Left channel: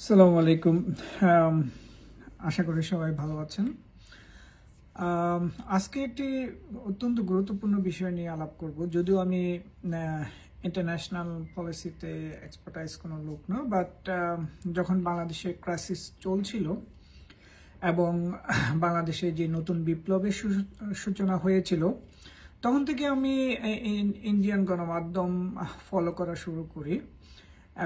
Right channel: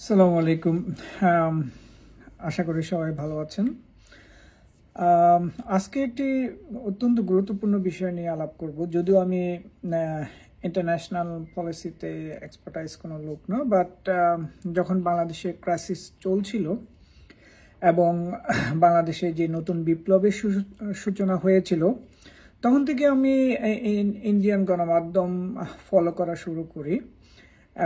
আসসালামু আলাইকুম। আম, আশা করি সবাই ভালো আছেন। আম, আজকে একটি অত্যন্ত গুরুত্বপূর্ণ বিষয় নিয়ে আলাপ করব। যদিও আমি ইন্টারন্যাশনাল পলিসিতে এক্সপার্টাইজ কোনো লোক না, বাট যখন বাংলাদেশে ক্রাইসিস চলছিল এবং বাংলাদেশে যে নতুন বিপ্লবের সূচনা হয়েছিল, তখন থেকে আমি ইন্ডিয়ান গণমাধ্যম ফলো করা শুরু করি।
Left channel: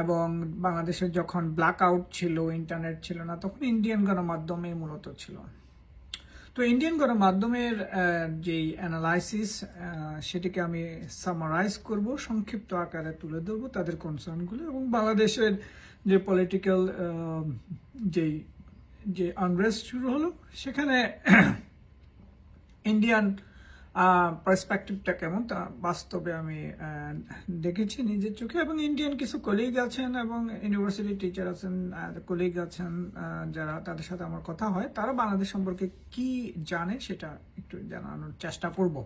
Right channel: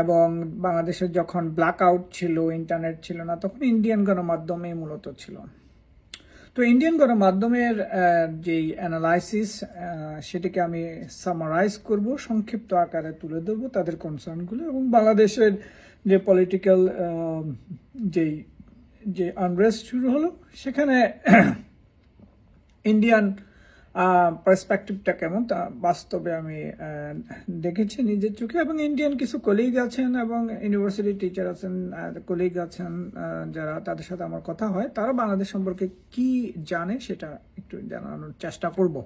এবং বাংলাদেশে যখন ব্ল্যাক আউট ছিল, ইন্টারনেট ছিল না, তখন ইন্ডিয়ান গণমাধ্যমেই মূলত ছিল। তো ইন্ডিয়ান গণমাধ্যমের যেই অ্যানালাইসিস, সেটিকে আমি সামারাইজ করব, সংক্ষিপ্ত আকারে তুলে ধরবো তাদের কনসার্নগুলো, এবং বাংলাদেশের যে পলিটিক্যাল যেই যে আনরেস্ট শুরু হলো, সেখানে ইন্ডিয়ান পার্সপেক্টিভটা কেমন তা বাস্তবে আমি দেখেছি নিজের চোখে। এবং ইন্ডিয়ান কিছু কলিগ আছেন এবং ইউনিভার্সিটি টিচার আছেন, কলিগ আছেন, যারা তাদের সাথে আমার কথা হয়, তারা বাংলাদেশ সম্পর্কে কি জানে সেটা একটু জানানোর চেষ্টা করব।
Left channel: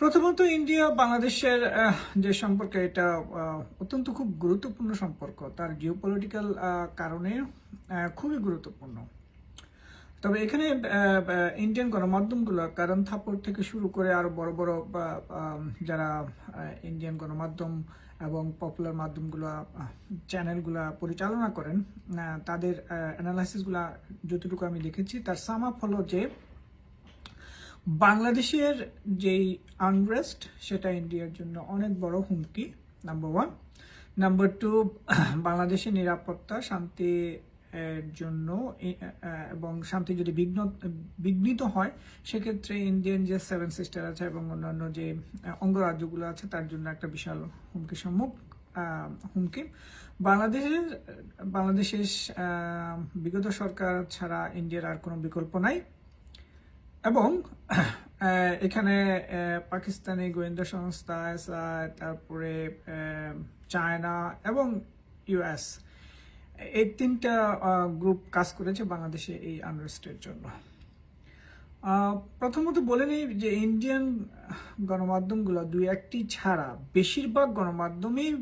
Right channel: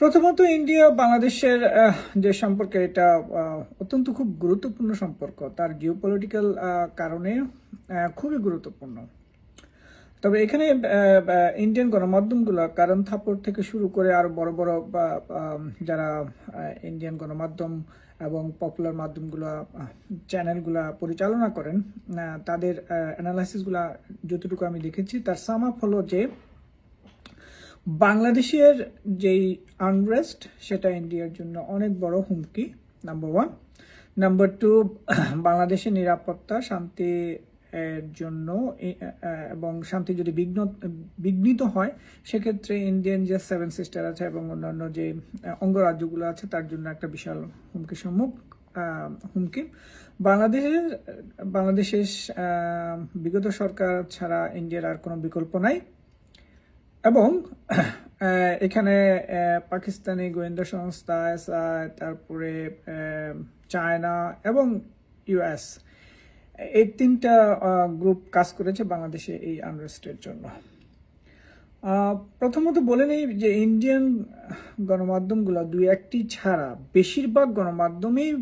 প্রথমত, ইন্ডিয়া বাংলাদেশের যে সম্পর্ক, এটা অত্যন্ত খুব গুরুত্বপূর্ণ সম্পর্ক। তার জিওপলিটিক্যাল কারণে খুবই গুরুত্বপূর্ণ। তবে এখানে ইন্ডিয়ান গণমাধ্যমগুলো, কারণ থাপ্পড় থেকে শুরু করে আরো বড় বড় যারা ইন্ডিয়ান গণমাধ্যম এবং পপুলার মাধ্যমগুলো, চ্যানেলগুলা পরিচালনা করেন, তাদের অ্যানালাইসিসগুলা যতটুকু আমি দেখেছি, তার সাম আপ হলো যে বাংলাদেশের যেই আনরেস্ট, সেটা ইন্ডিয়ার জন্য অনেক বড় হুমকি, নাম্বার ওয়ান। নাম্বার টু, বাংলাদেশের নিরাপত্তা, শান্তি এর জন্য এবং শান্তি যদি বিঘ্নিত হয়, সেক্ষেত্রে ইন্ডিয়ান যে সেভেন সিস্টার আছে এবং অন্যান্য যে অঙ্গরাজ্যগুলো আছে, তার জন্য একটা বিশাল হুমকি। বাংলাদেশের বিগত সরকার ছাড়া ইন্ডিয়ার আর কোনো বিকল্প নাই। এবং এখানে পাকিস্তানি গোয়েন্দা সংস্থা, তারপরে চায়না এবং ইউএস, এই তিনটা গ্রুপ কাজ করেছে বাংলাদেশে এই আনরেস্টের জন্য। প্রথমত বলে নেই যে ইন্ডিয়ান গণমাধ্যমগুলো দুই একটি ছাড়া বেশিরভাগ গণমাধ্যমেই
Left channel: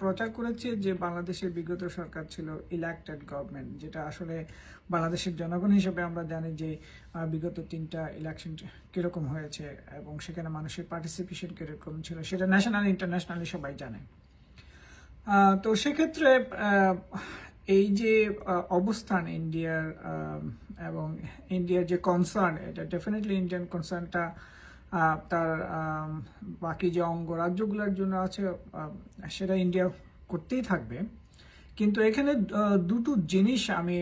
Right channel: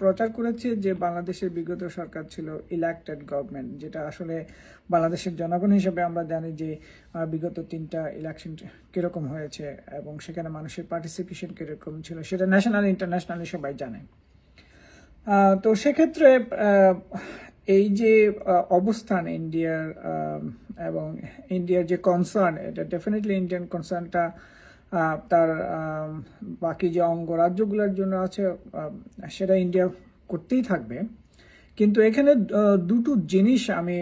প্রচার করেছে যে বাংলাদেশের বিগত সরকার ছিল ইলেক্টেড গভর্নমেন্ট, যেটা আসলে বাংলাদেশের জনগণ হিসেবে আমরা জানি যে বিগত 3টা ইলেকশন কিরকম হয়েছে এবং সেখানে মানুষের পার্টিসিপেশন কিরকম ছিল, সেটা ন্যাশনাল ইন্টারন্যাশনালি সবাই জানে। তো সেক্ষেত্রে এই যে অবস্থান ইন্ডিয়ার এবং ইন্ডিয়ার যে কনসার্ন, এটা ডেফিনেটলি ইন্ডিয়ান কনসার্নটা তার বাকি যে অঙ্গরাজ্যগুলোর জন্য আছে, সেটা ইন্ডিয়া করতেই থাকবে। কিন্তু এখানে দুটো জিনিস আমি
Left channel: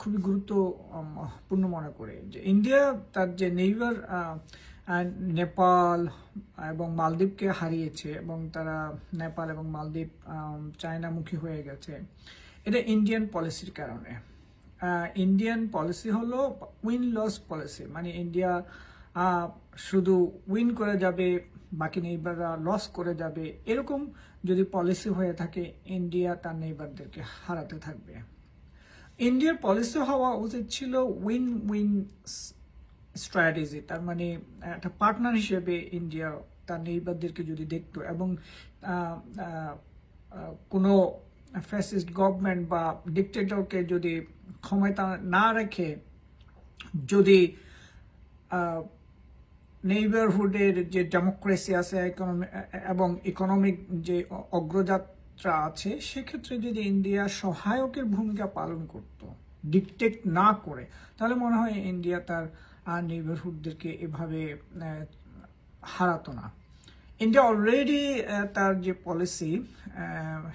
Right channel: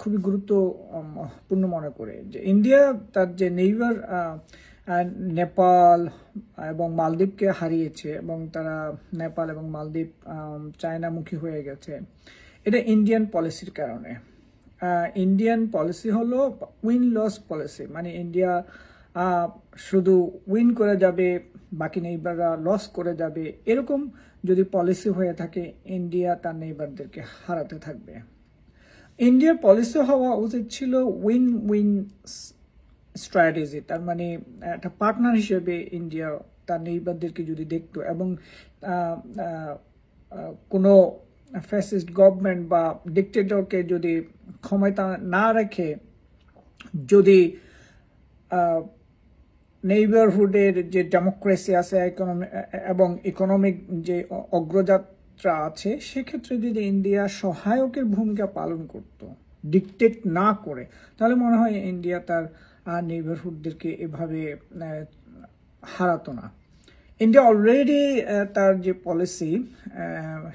খুবই গুরুত্বপূর্ণ মনে করি। যে ইন্ডিয়া তার যে নেইবার নেপাল এবং মালদ্বীপকে হারিয়েছে এবং তারা নেপাল এবং মালদ্বীপ চায়নামুখী হয়ে গেছে, এটা ইন্ডিয়ান পলিসির কারণে। ইন্ডিয়ান পলিসি হলো উইন লস পলিসি, মানে ইন্ডিয়া শুধু উইন করে যাবে, বাকি নেইবাররা লস করে যাবে, এরকম যদি পলিসি হয়ে থাকে, ইন্ডিয়া তার নেইবারদেরকে হারাতে থাকবে। ইন্ডিয়ার পলিসি হওয়া উচিত ছিল উইন উইন স্ট্র্যাটেজি। তার মানে একটা পার্টনার হিসেবে ইন্ডিয়া তার নেইবারদেরকে যদি দেখতো এবং কোনো ফ্যাসিস্ট গভর্নমেন্ট বা ডিক্টেটরকে যদি ক্ষমতা না রেখে, যদি নেইবারহুডের যে ডেমোক্রেসি আছে এবং ইকোনমিক যে অগ্রযাত্রা আছে, সেক্ষেত্রে যদি ইন্ডিয়া সহায়কের ভূমিকা পালন করত, ডিকটেট না করে, তাহলে মনে হয় ইন্ডিয়া তার নেইবারহুডদেরকে এভাবে হারাতো না। ইন্ডিয়া অলরেডি তার যে পলিসি,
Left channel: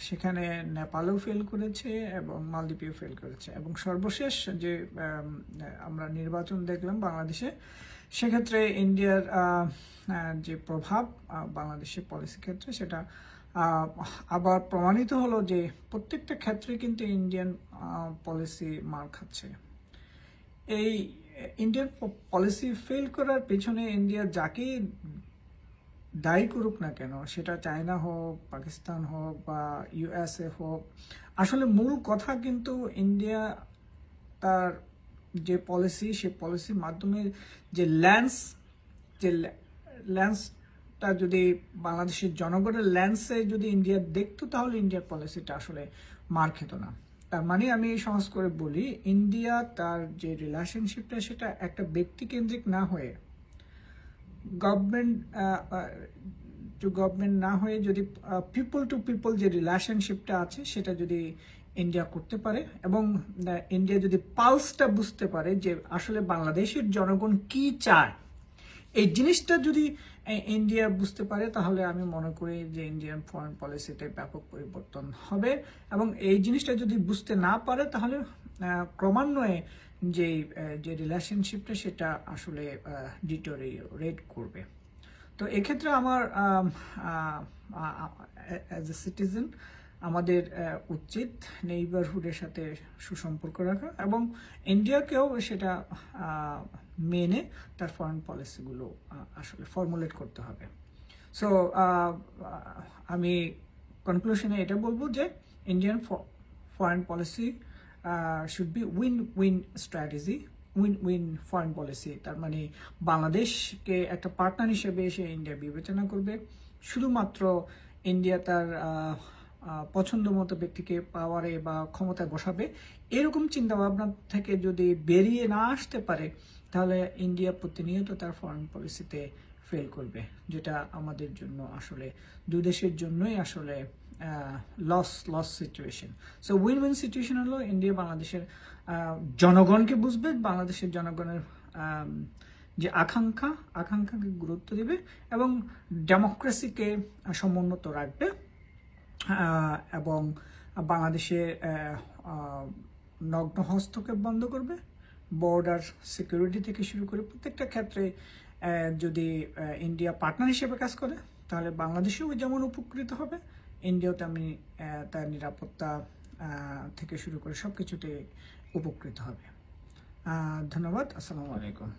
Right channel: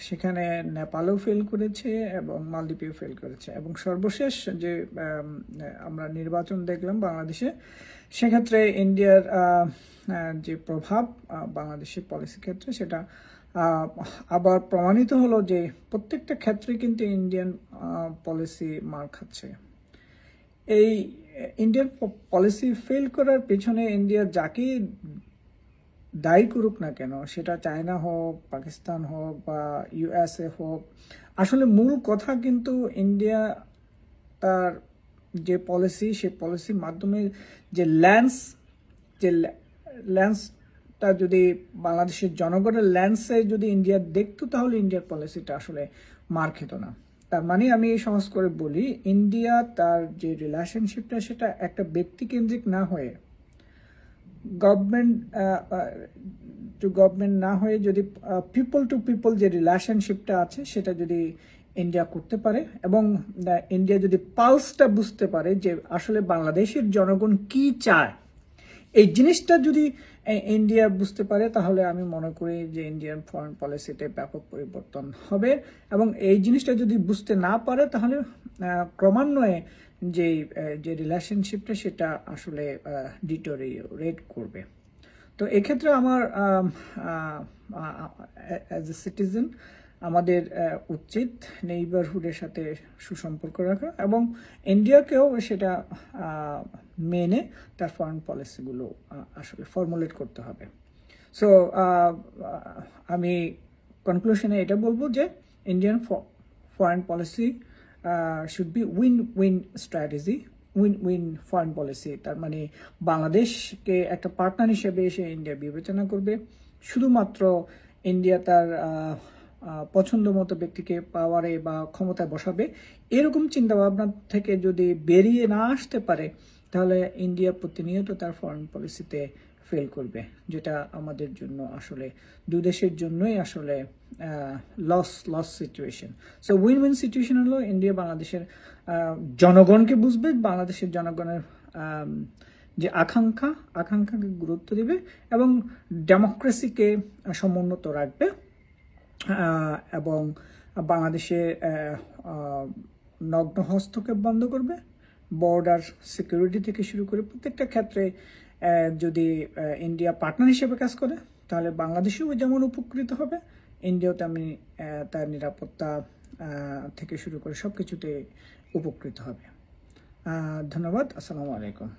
সেখানে নেপালও ফেল করেছে এবং মালদ্বীপেও ফেল করেছে, এবং সর্বশেষ যে আমরা নির্বাচন দেখলাম বাংলাদেশে, সেক্ষেত্রে ইন্ডিয়ার যে প্রভাব বাংলাদেশের পলিসি ক্ষেত্রে, সেটা আবার প্রমাণিত হলো যে প্রত্যেকটা ক্ষেত্রে কিন্তু ইন্ডিয়ান পলিসি মার খাচ্ছে। এই ইন্ডিয়ান পলিসি ফেল করার পেছনে ইন্ডিয়া যাকে দায়ী করুক না কেন, সেটা চায়না হোক, পাকিস্তান হোক বা ইউএসএ হোক, আসলে মূল কথা কিন্তু ইন্ডিয়া তার যে পলিসি, সেই পলিসির মাধ্যমে যে ল্যান্সটা যদি বাংলাদেশের জনগণের ল্যান্সে যদি ইন্ডিয়া দেখতো, তাহলে ইন্ডিয়ার পলিসিটা আসলে মার খেত না। তার মানে আমি সহজ করে বলি, ইন্ডিয়া তার যে রিলেশনশিপটা সেটা একটা ব্যক্তিকেন্দ্রিক না হয়ে গভর্নমেন্ট টু গভর্নমেন্ট না হয়ে যদি পিপল টু পিপল যে রিলেশনশিপটা আছে সেটা যদি ইন্ডিয়া করতে পারে, এবং ইন্ডিয়া যদি পালসটা বুঝতে পারে যে আসলে বাংলাদেশের জনগণ কি চায়, এই জিনিসটা যদি ইন্ডিয়া বুঝতে পারে, তাহলে আমি মনে করি যে ইন্ডিয়ান ফরেন পলিসিতে ব্যাপক পরিবর্তন হবে। এবং এই জিনিসটা যদি বুঝতে না পারে, তাহলে ক্রমান্বয়ে যে রিলেশনশিপটা সেটা আসলে ডিটোরিয়েট করবে। তো এক্ষেত্রে আমার অ্যাজ এ সিটিজেন আমাদের উচিত নেইবারহুডের সাথে সুসম্পর্ক রাখা এবং ইন্ডিয়াকেও সেটা মেনে তার ফরেন পলিসিগুলো আসলে ফর্মুলেট করতে হবে। সো আমি কনক্লুশনে এটা বলবো যে Indian foreign policy should be win win strategy, win win foreign policy. তার মানে বাংলাদেশকে একটা পার্টনার হিসেবে এসে ইন্ডিয়া বিবেচনা করবে। শুধুমাত্র ইন্ডিয়া তার পছন্দ মতো ব্যক্তিকে পাওয়ারে বা ক্ষমতায় বসাবে, এরকম চিন্তাভাবনা থেকে যদি বেরিয়ে না আসতে পারে, তাহলে ইন্ডিয়া প্রতিনিয়ত তার ফরেন পলিসিতে ফেল করবে, যেটা আমাদের জন্য আসলে দুই দেশের জন্যই আসলে loss situation. So win win situation হলো ইন্ডিয়া বাংলাদেশের জনগণকে বুঝবে, বাংলাদেশের জনগণের যে আকাঙ্ক্ষাকে গুরুত্ব দিবে এবং ডেমোক্রেসিকে সমুন্নত রাখবে, এবং বাংলাদেশের নগ্ন হস্তক্ষেপ বন্ধ করবে। বর্ডার সিকিউরিটি থেকে শুরু করে প্রত্যেকটা ক্ষেত্রে যদি ইন্ডিয়া পার্টনার হিসেবে কাজ করে, তাহলে বাংলাদেশেও যেমন উপকৃত হবে, ইন্ডিয়াও তেমনি তার নিরাপত্তা থেকে শুরু করে সবকিছুতে উপকৃত হবে। ধন্যবাদ। আসসালামু আলাইকুম।